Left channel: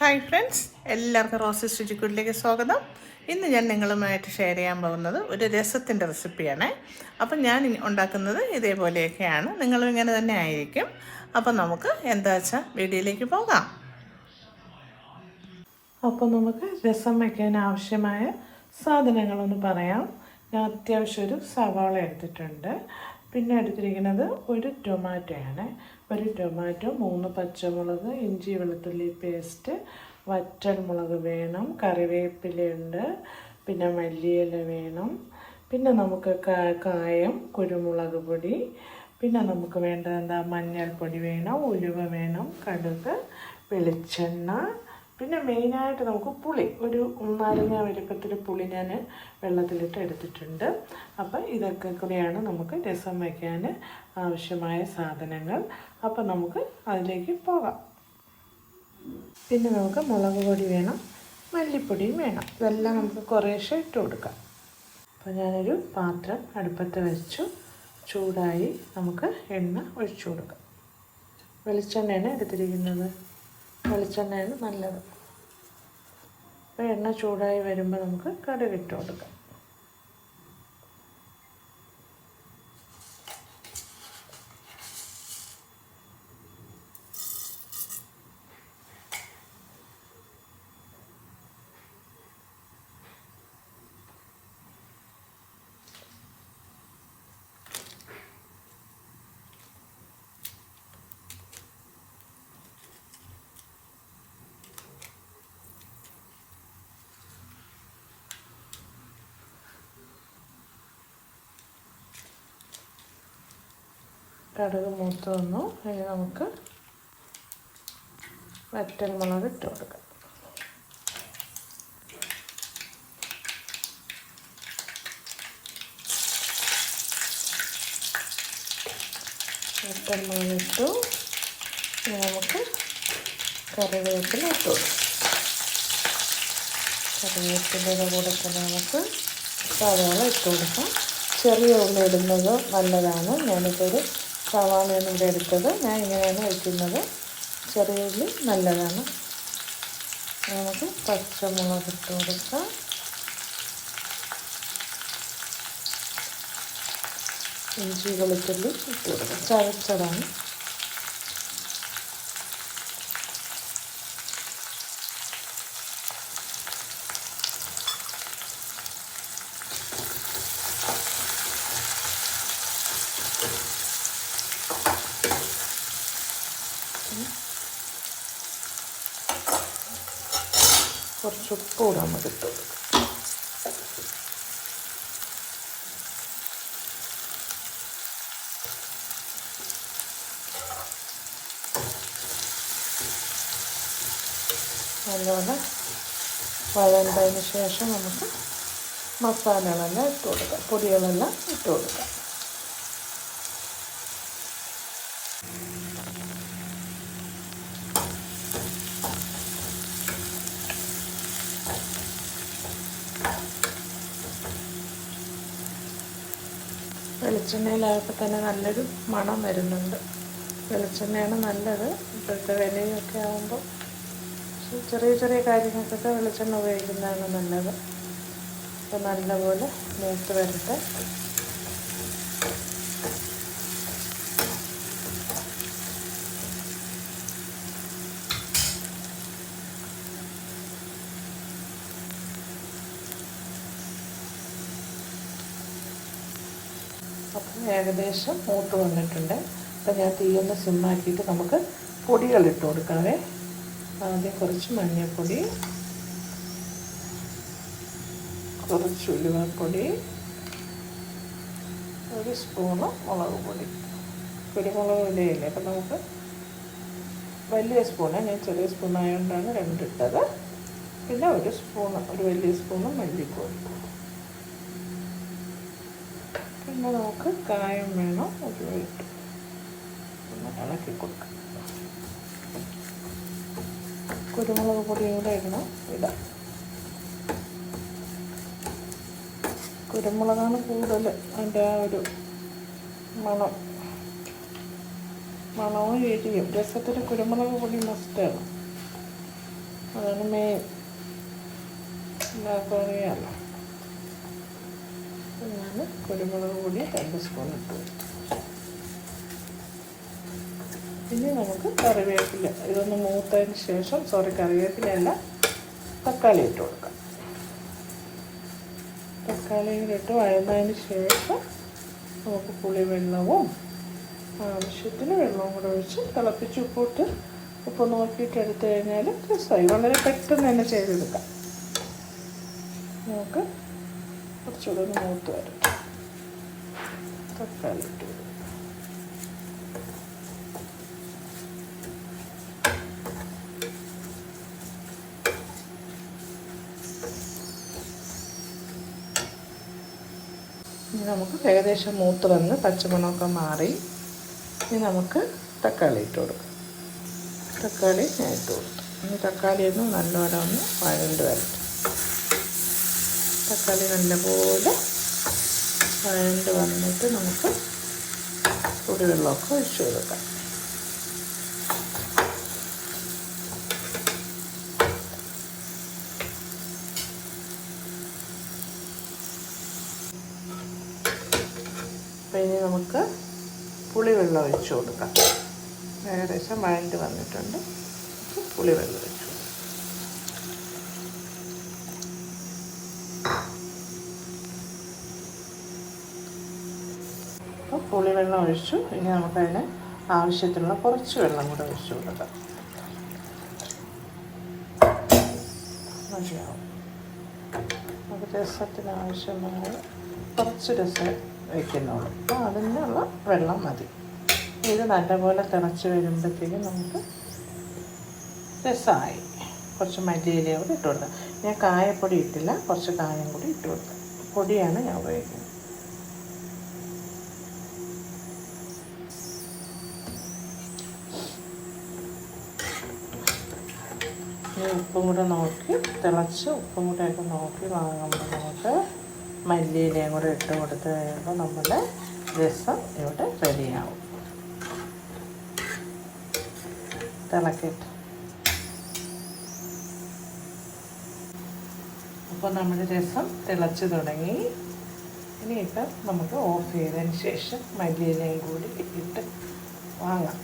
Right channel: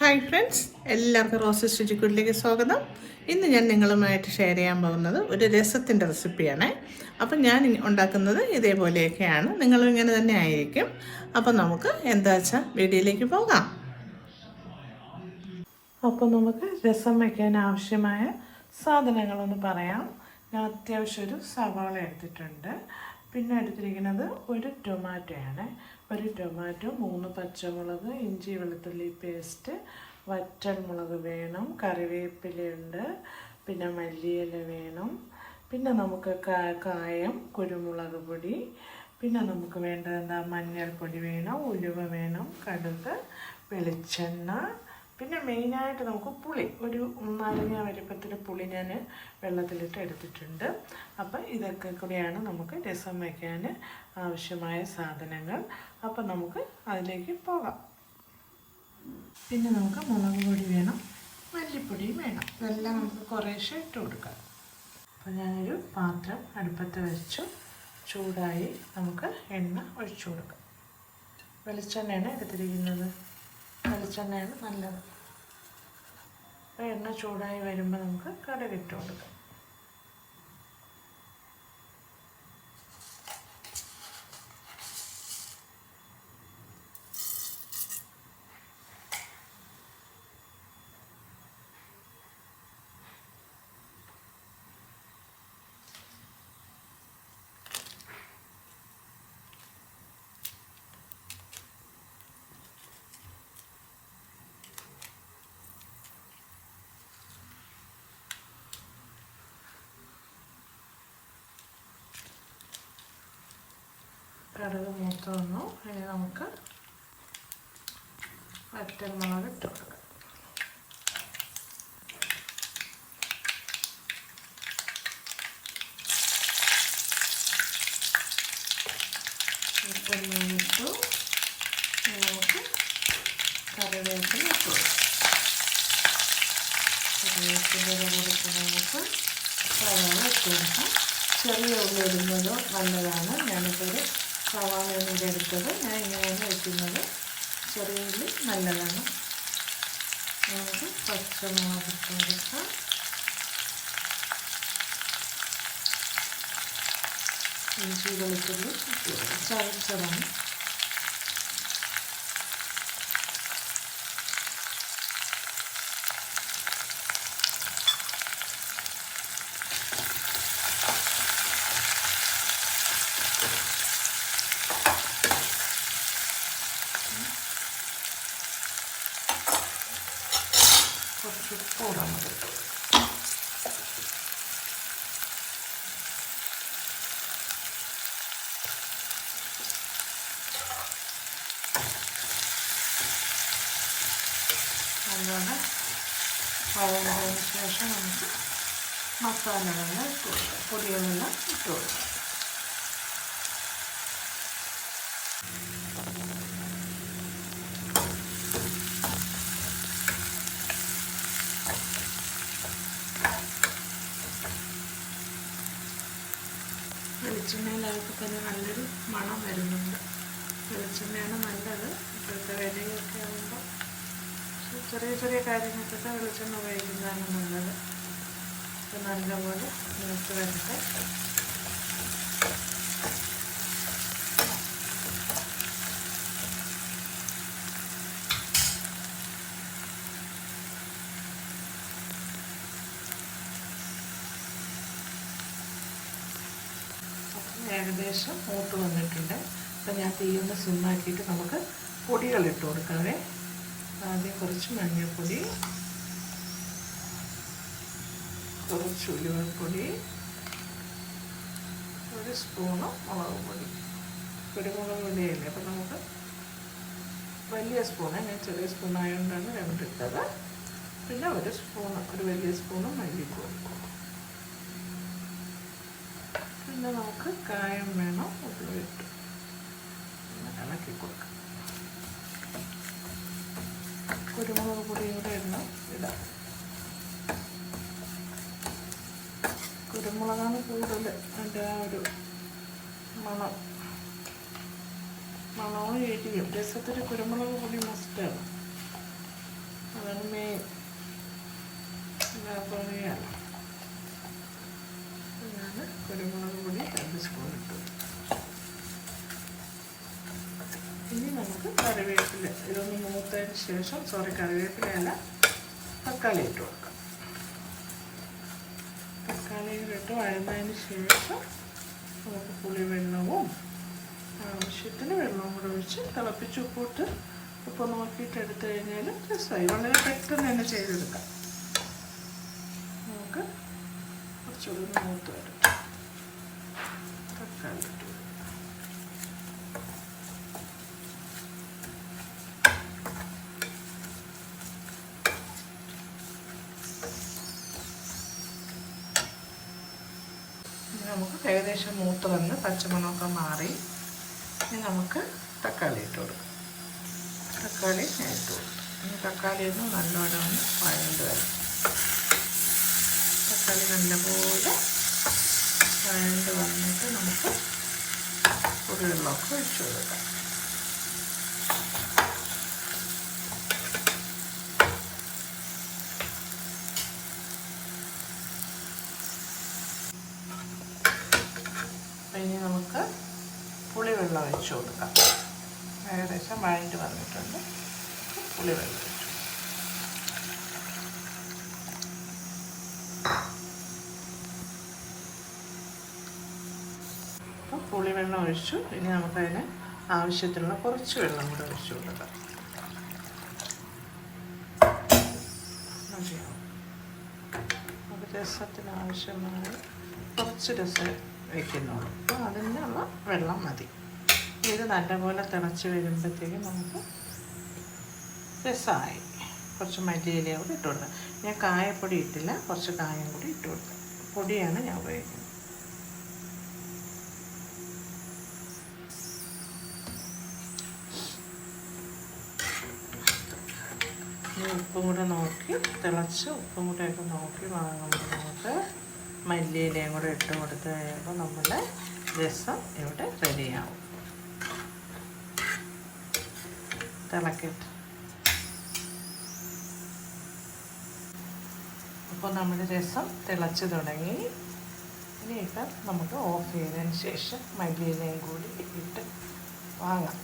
Hi friends, എല്ലാവർക്കും roses രുചിക്കൂട്ടിലേക്ക് സ്വാഗതം. ഇന്ന് ഞാൻ നിങ്ങളുമായിട്ട് ഷെയർ ചെയ്യാൻ പോകുന്നത് ഒരു രസത്തിൻ്റെ റെസിപ്പിയാണ്. അപ്പം ഞാൻ ഉണ്ടാക്കുന്നത് ഇതേപോലെയൊക്കെയാണ്, നിങ്ങളും ഇങ്ങനെ തന്നെ ആയിരിക്കും. അപ്പം നമുക്ക് എന്താ വെച്ചാൽ വീഡിയോയിലേക്ക് പോകാം. അപ്പോൾ നമുക്ക് രസം വയ്ക്കാൻ ആവശ്യമായ സാധനങ്ങളൊന്ന് പറയാം. ഞാൻ അത്യാവശ്യം ഒരു സവാള എടുത്തിട്ടുണ്ട്. പിന്നെ എടുത്തിരിക്കുന്നത് ഒരു ടൊമാറ്റോയാണ്. ഒരു ടൊമാറ്റോ, 3 പച്ചമുളക്, ഇഞ്ചി വെളുത്തുള്ളി പേസ്റ്റ്, വറ്റൽമുളക് വേണം, കറിവേപ്പിലയുണ്ട്, പിന്നെ മല്ലിയില വേണം, പിന്നെ നമുക്ക് കായം, കുരുമുളക് പൊടി, പിന്നെ നമുക്ക് വേണ്ടത് മഞ്ഞൾപ്പൊടി വേണം, ഉലുവ വേണം, കടുക്, വെളിച്ചെണ്ണ, പിന്നെ മെയിനായിട്ട് നമുക്ക് പുളി, ഒരു നാരങ്ങ വലിപ്പത്തിൽ പുളി ഞാൻ വെള്ളത്തിലിട്ട് എടുത്തിട്ടുണ്ട്. അപ്പം ഇതൊക്കെ കൂടെയാണ് നമുക്ക് രസം വയ്ക്കാൻ ആവശ്യമായ സാധനങ്ങൾ. അപ്പം നമുക്ക് അതിലേക്ക് പോകാം. പിന്നെ നമുക്ക് മുളക് പൊടി വേണം, മല്ലിപ്പൊടിയും വേണം. ഇതെല്ലാം നമുക്ക് കുറേശ്ശെ ഇട്ട് കൊടുക്കാം. അപ്പോൾ ഞാനൊരു പാത്രം അടുപ്പത്ത് വെച്ചു, ചൂടായി നമുക്ക് എണ്ണ ഒഴിച്ചു കൊടുക്കാം. വെളിച്ചെണ്ണയാണ് എടുത്തിരിക്കുന്നത്, വെളിച്ചെണ്ണയാണ് നല്ലത്. അപ്പോൾ എണ്ണ ചൂടായി വരുമ്പോൾ നമുക്ക് കടുക് ഇട്ട് കൊടുക്കാം. കടുക് മൂത്ത് വന്നു. അതിന് നമുക്ക് വറ്റൽമുളക് ഇട്ട് കൊടുക്കാം. വറ്റൽമുളക് ഇട്ടു. നമുക്ക് കറിവേപ്പില ഇട്ട് കൊടുക്കാം. കറിവേപ്പിലയുടെ കൂടെ തന്നെ നമുക്ക് സവാള ഇട്ട് കൊടുക്കാം. ചെറിയ ഉള്ളി ഇടുന്നത് നല്ലതാണ്. ഞാനിപ്പോൾ ഒരു സവാളയാണ് ഇവിടെ എടുത്തത്. ഞാൻ ഇങ്ങനെയാണ് വയ്ക്കുന്നത്. ചെറിയ ഉള്ളി നല്ലതാണ്. നമുക്ക് പച്ചമുളക് ഇട്ട് കൊടുക്കാം. ഇഞ്ചി വെളുത്തുള്ളി ഇട്ട് കൊടുക്കാം. ചതച്ചതാണ്. കുറച്ച് ഉപ്പ് കൂടെ നമുക്ക് ഇട്ട് കൊടുക്കാം. നല്ലോണം വഴണ്ടതിന് ശേഷം നമുക്ക് മസാലകളെല്ലാം ഇട്ട് കൊടുക്കാം, പൊടികളെല്ലാം ഇട്ട് കൊടുക്കാം. വെളിച്ചെണ്ണയിലായപ്പോൾ തന്നെ നല്ലൊരു മണം വരുന്നുണ്ട്. വെളിച്ചെണ്ണയാണ് നല്ലത്. ഇപ്പോഴത്തെ വിലയൊക്കെ ആകുമ്പോൾ ചെറിയ ചെറിയ കാര്യങ്ങൾക്കൊക്കെ വെളിച്ചെണ്ണ ഉപയോഗിക്കുന്നതാണ് നല്ലത്. അപ്പോൾ നല്ലപോലെ മൂത്ത് വരട്ടെ. അപ്പം ഏകദേശം മൂത്ത് വന്നിട്ടുണ്ട്. അപ്പം ഞാൻ തീയൊന്ന് സിമ്മാക്കിയിട്ട് നമുക്ക് പൊടികൾ ഇട്ട് കൊടുക്കാവേ. ആദ്യം കുറച്ച് മഞ്ഞൾപ്പൊടി, കുറച്ച് ഉലുവപ്പൊടി, 1 സ്പൂണ് മുളക് പൊടി. കുരുമുളക് പൊടിയില്ലേ, അപ്പം നമുക്ക് വലിയ സ്പൂണ്, ഞാൻ ചെറിയ സ്പൂണായതുകൊണ്ടാണ് 2 ഇട്ടത്. പിന്നെ 1 സ്പൂണ്, ഒരു വലിയ സ്പൂണ് മല്ലിപ്പൊടി. പിന്നെ നമുക്ക് കായം വേണം, അത് ഇട്ട് പിന്നെ ഇളക്കി കൊടുക്കാം. കുരുമുളക് പൊടിയും കൂടെ ഇടാം. കുരുമുളകാണ് കൂടുതൽ അതിൻ്റെ ആ ഒരു മണവും എരിയും. രസത്തിന് കുരുമുളക് പൊടി മസ്റ്റാണ്. അതാണ് മെയിൻ. എല്ലാവർക്കും അറിയാമല്ലോ. ഞാൻ കുരുമുളക് പൊടി 2 സ്പൂൺ ഇട്ടു. ഇനി നമുക്ക് കറിവേപ്പില ഇതൊന്ന് മൂത്തതിന് ശേഷം, കറിവേപ്പിലയല്ല, തക്കാളി ഇട്ട് കൊടുക്കാം. തക്കാളിയിലിട്ട് വഴന്നതിന് ശേഷം നമുക്ക് പുളിവെള്ളവും ആവശ്യത്തിന് വെള്ളവും കൂടെ ഒഴിച്ച് തിളപ്പിച്ച് ഉപ്പ് നോക്കിയിട്ട് എടുത്തു കഴിഞ്ഞാൽ രസമായി. വളരെ പെട്ടെന്ന് തന്നെ ചെയ്തെടുക്കാം. നമുക്ക് കുറച്ചുകൂടെ ഒന്ന് മൂത്ത് വരട്ടെ. തക്കാളി ഇട്ട് നമുക്ക് ഏകദേശം മൂത്ത് വന്ന് പച്ചമണമൊക്കെ മാറി. ഇനി നമുക്ക് തക്കാളി ഇട്ട് കൊടുക്കാം. തക്കാളി ഞാൻ ഇട്ട് കൊടുത്തു. ഇനി തക്കാളി ഒന്ന് നല്ലോണം ഒന്ന് വഴണ്ട് വരും. തക്കാളി നല്ലപോലെ വഴണ്ട് വന്നിട്ട് നമുക്ക് പുളിവെള്ളമൊക്കെ ഒഴിച്ച് കൊടുക്കാം. ഇനി നമുക്ക് പുളിവെള്ളം ഒഴിച്ച് കൊടുക്കാം. ഏകദേശം വഴണ്ട് വന്നിട്ടുണ്ട്. പുളിവെള്ളം ഒഴിച്ചു. അപ്പോൾ പുളിവെള്ളം ഒഴിച്ചു. ഇനി നമുക്കതിന് ആവശ്യത്തിനുള്ള കുറച്ച് വെള്ളം കൂടെ ഒഴിച്ചു കൊടുക്കാം. മതിയാവും. നമുക്ക് രസത്തിന് ആവശ്യമായ കുറച്ച് രസം വയ്ക്കുന്നുള്ളൂ. അപ്പോൾ അതിനുള്ള വെള്ളം മതി. ഇത് നല്ലപോലെ തിളച്ച് വരുമ്പോഴത്തേക്കും നമുക്ക് രസമായി. കുറച്ച് മല്ലിയില കൂടി ഇട്ട് കൊടുക്കാം. ഞാൻ കായപ്പൊടി ഇട്ടില്ല, കുറച്ച് കായം കൂടി ഇട്ട് കൊടുക്കാം. പൊടിയാണ് ഞാൻ ഉപയോഗിക്കുന്നത്. ഉപ്പും കൂടെ നോക്കി തിളച്ച് ഉപ്പും കൂടെയൊക്കെ നോക്കി വാങ്ങുമ്പോൾ നമുക്ക് മല്ലിയിലയും കൂടെ ഇട്ട് കൊടുത്ത് കഴിയുമ്പോൾ നമ്മുടെ രസം ഇവിടെ റെഡിയാവും. തിളക്കിട്ട് അപ്പോൾ നമ്മുടെ രസം തിളച്ച് തുടങ്ങി. ഇനിയിപ്പോൾ നമുക്ക് ഓഫ് ചെയ്തതിന് ശേഷം മല്ലിയിലയും കൂടി ഇട്ട് വാങ്ങാം.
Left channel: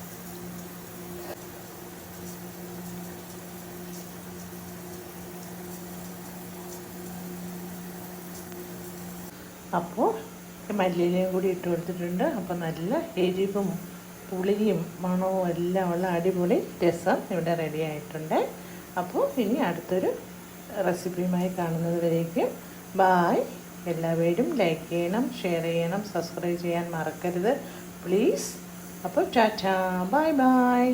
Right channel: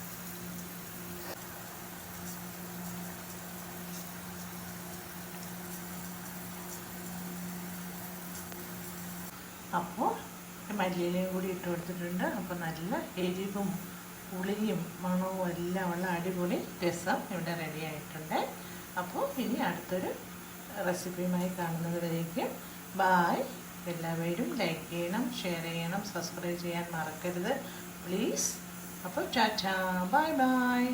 അപ്പോൾ മല്ലിയിലയും കൂടി ഇട്ട് കൊടുത്തിട്ടുണ്ട്. അപ്പോൾ നല്ല എരിവും പുളിയും മണവും എല്ലാം ഉള്ള അടിപൊളി രസം ഇവിടെ റെഡി ആയിട്ടുണ്ട്. അപ്പോൾ ഇനി അടുത്തൊരു റെസിപ്പിയുമായി കാണുന്നത് വരേക്കും ബായ്. എല്ലാവരും ലൈക്ക് ചെയ്യണം, ഷെയർ ചെയ്യണം, സബ്സ്ക്രൈബ് ചെയ്യാൻ മറക്കരുത് പ്ലീസ്. അപ്പോൾ ടാറ്റാ, ബൈ ബൈ.